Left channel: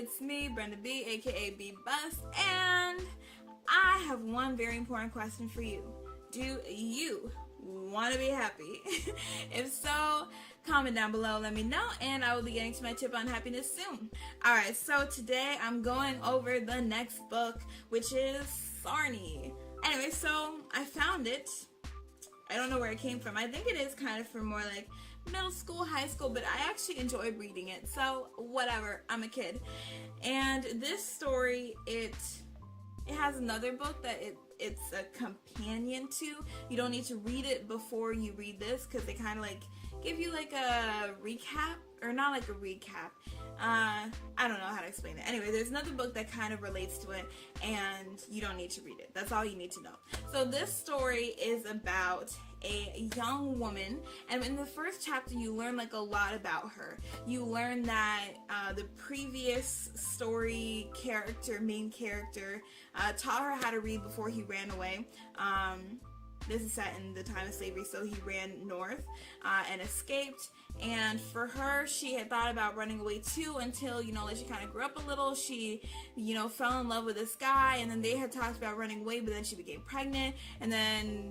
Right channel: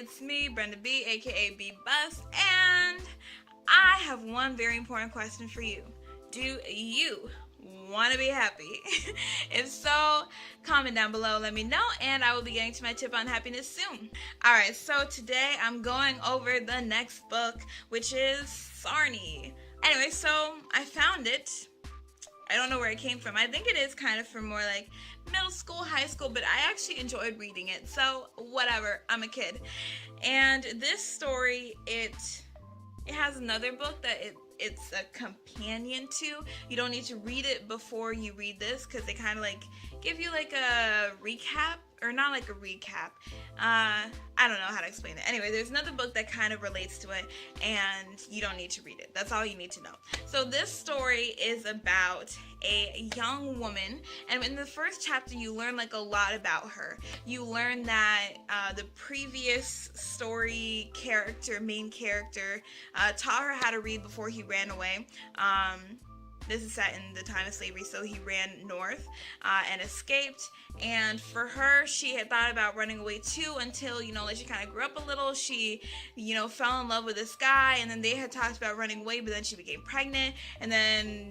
it's me, Brenda B, aka B Bus, and I have one very important question for you. Do you want to be happy? If so, comment down below, let me know, and I will be getting to my tip on happiness soon. Alright, so today I'm going over the next book, which is Sarni. Anyway, so I found it. I don't know where it came from. I think it is kind of from more like middle school, high school, but I actually enjoyed reading it. So whatever, I'm a kid. And this story, it has another book that it's a companion to. You don't need to read it before you read this because they kind of like give you like a recap, or not like a recap. I don't know how to explain it. Anyway, there's another book that kind of relates to it, and you don't need to read it. That's all you need to know. So this story is about a young woman, and in the first chapter you learn like a lot about her. You learn that the previous story main character, taught her how to read before he ran away. This is set in the time of slavery, so he ran north and escaped. And for her, she had thought about running away too until, like she kind of grew up a little. She, fell in love with this guy, and then they had talked about running away, but then she became pregnant, and then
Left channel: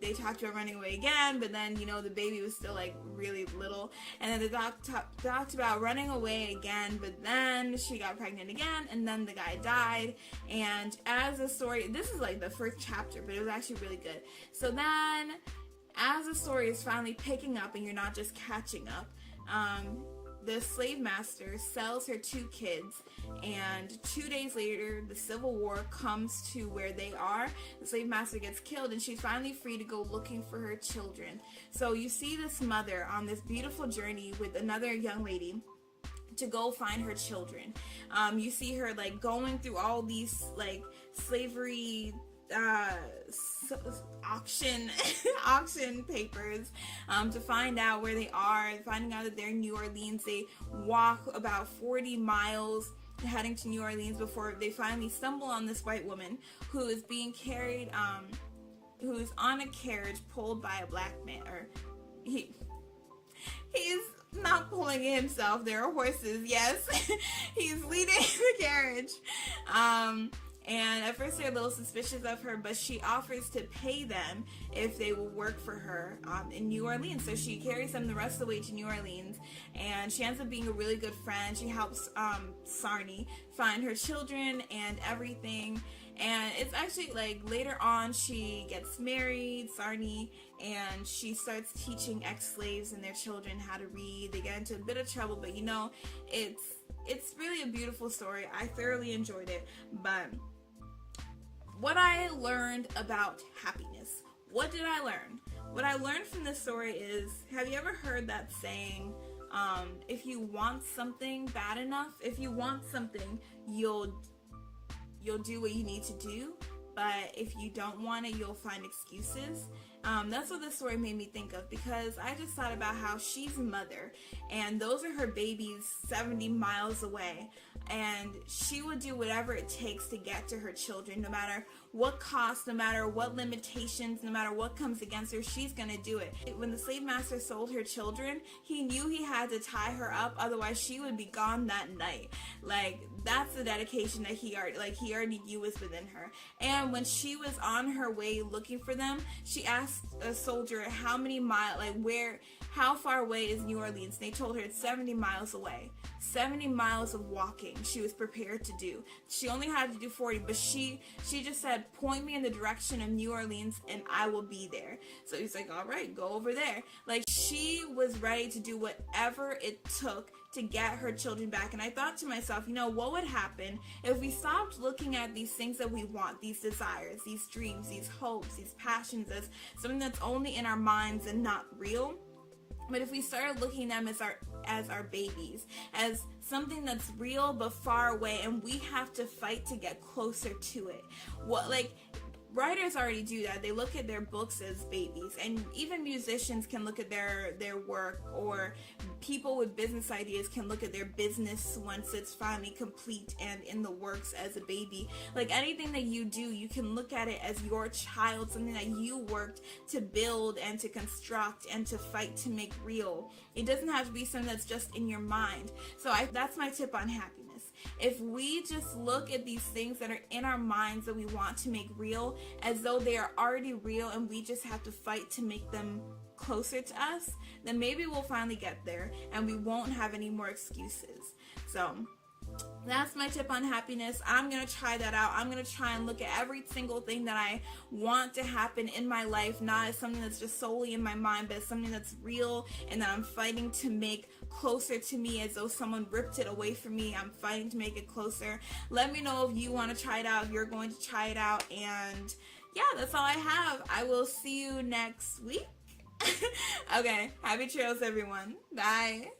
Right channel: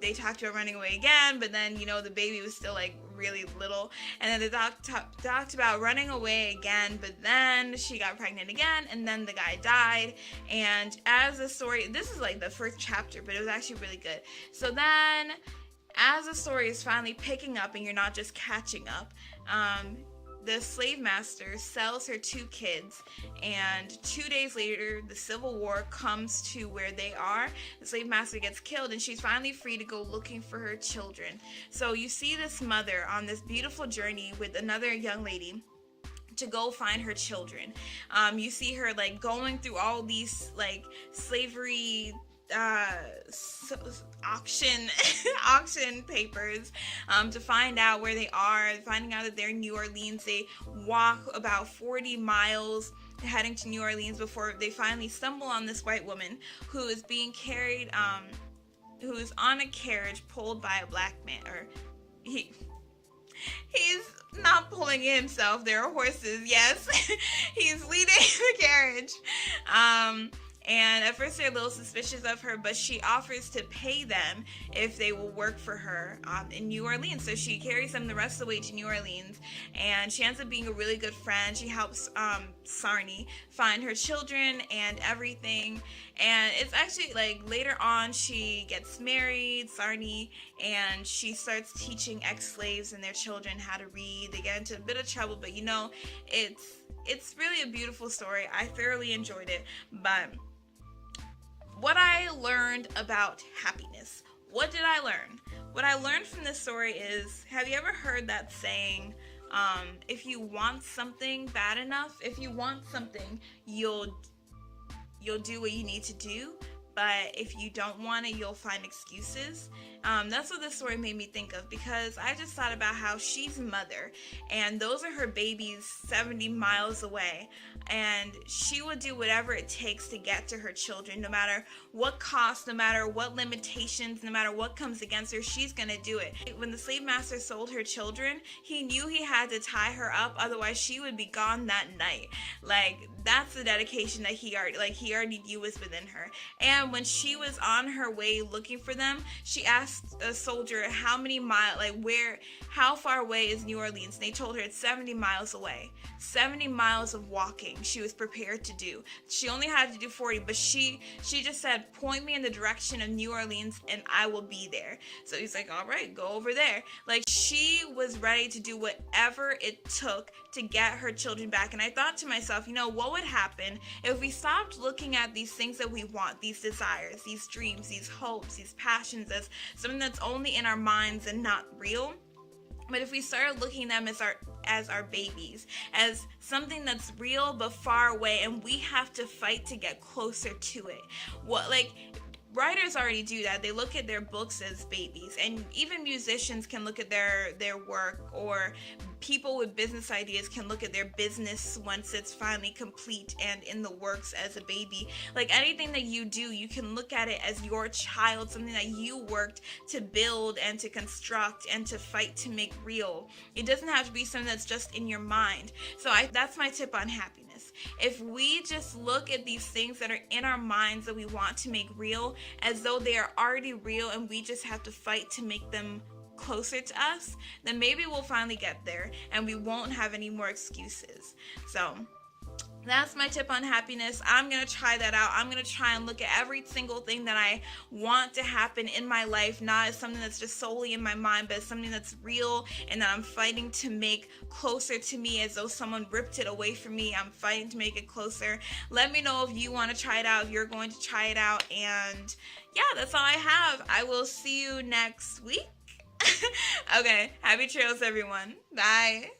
they talked about running away again, but then, the baby was still like really little, and then they talked about running away again, but then she got pregnant again, and then the guy died. And as the story, this is like the first chapter, but it was actually really good. So then, as the story is finally picking up, and you're not just catching up, the slave master sells her 2 kids, and 2 days later the Civil War comes to where they are. The slave master gets killed, and she's finally free to go looking for her children. So you see this mother on this beautiful journey with another young lady to go find her children. You see her like going through all these like slavery auction papers to find out where they are, finding out that they're in New Orleans. They walk about 40 miles heading to New Orleans before they finally stumble on this white woman who is being carried, who is on a carriage pulled by a black man, or he's not pulling it himself, there are horses, yes. He's leading the carriage. And at first they're a little suspicious of her, but she offers to pay them if they will work for her in New Orleans. So she carries them the rest of the way to New Orleans, and she ends up being a really good friend. She helps Sarni find her children and everything. And it's actually like later on she gets married, Sarni, and she starts teaching ex-slaves and their children how to read. They get into a bit of trouble, but it's really a beautiful story. I thoroughly enjoyed it. But what I learned about happiness. What did I learn? What I learned from this story is, have you ever heard that saying, if you want something bad enough, if you want something, you'll do what you need to do. But if you don't want it, you'll find excuses. That's what this story made me think of, because I just thought about how she's a mother, and those are her babies 70 miles away, and she would do whatever it takes to get to her children, no matter what cost, no matter what limitations, no matter what comes against her, she's gonna do it. When the slave master sold her children, he knew he had to tie her up, otherwise she would be gone that night. Like, that's the dedication that he already knew was within her. And when she was on her way looking for them, she asked a soldier how many miles, how far away is New Orleans? And they told her it's 70 miles away. 70 miles of walking she was prepared to do. She only had to do 40, but she just said, point me in the direction of New Orleans and I will be there. So he's like, all right, go over there. Like, she was ready to do whatever it took to get her children back. And I thought to myself, what would happen if we stopped looking at these things that we want, these desires, these dreams, these hopes, these passions as something that's only in our minds and not real? But if we started looking at them as our babies, as something that's real but far away, and we have to fight to get closer to it. Writers already do that. They look at their books as babies, and even musicians can look at their work, or people with business ideas can look at their business once it's finally complete and in the works as a baby. Like, anything that you do, you can look at it as your child, something that you worked to build and to construct and to fight to make real. It doesn't have to be something that's just in your mind. So that's my tip on happiness. if we just look at these things that are in our minds that we want to make real as though they are already real and we just have to fight to make them closer to us, then maybe we'll finally get there and we won't have any more excuses. So that's my tip on happiness. I'm going to try that out. I'm going to try and look at every single thing that I want to happen in my life, not as something that's just solely in my mind, but as something that's real and that I'm fighting to make closer to me as though someone ripped it away from me. I'm fighting to make it closer. Let me know if you want to try it out, if you're going to try it out. And yeah, that's all I have. I will see you next week. Okay, happy trails, everyone. Bye.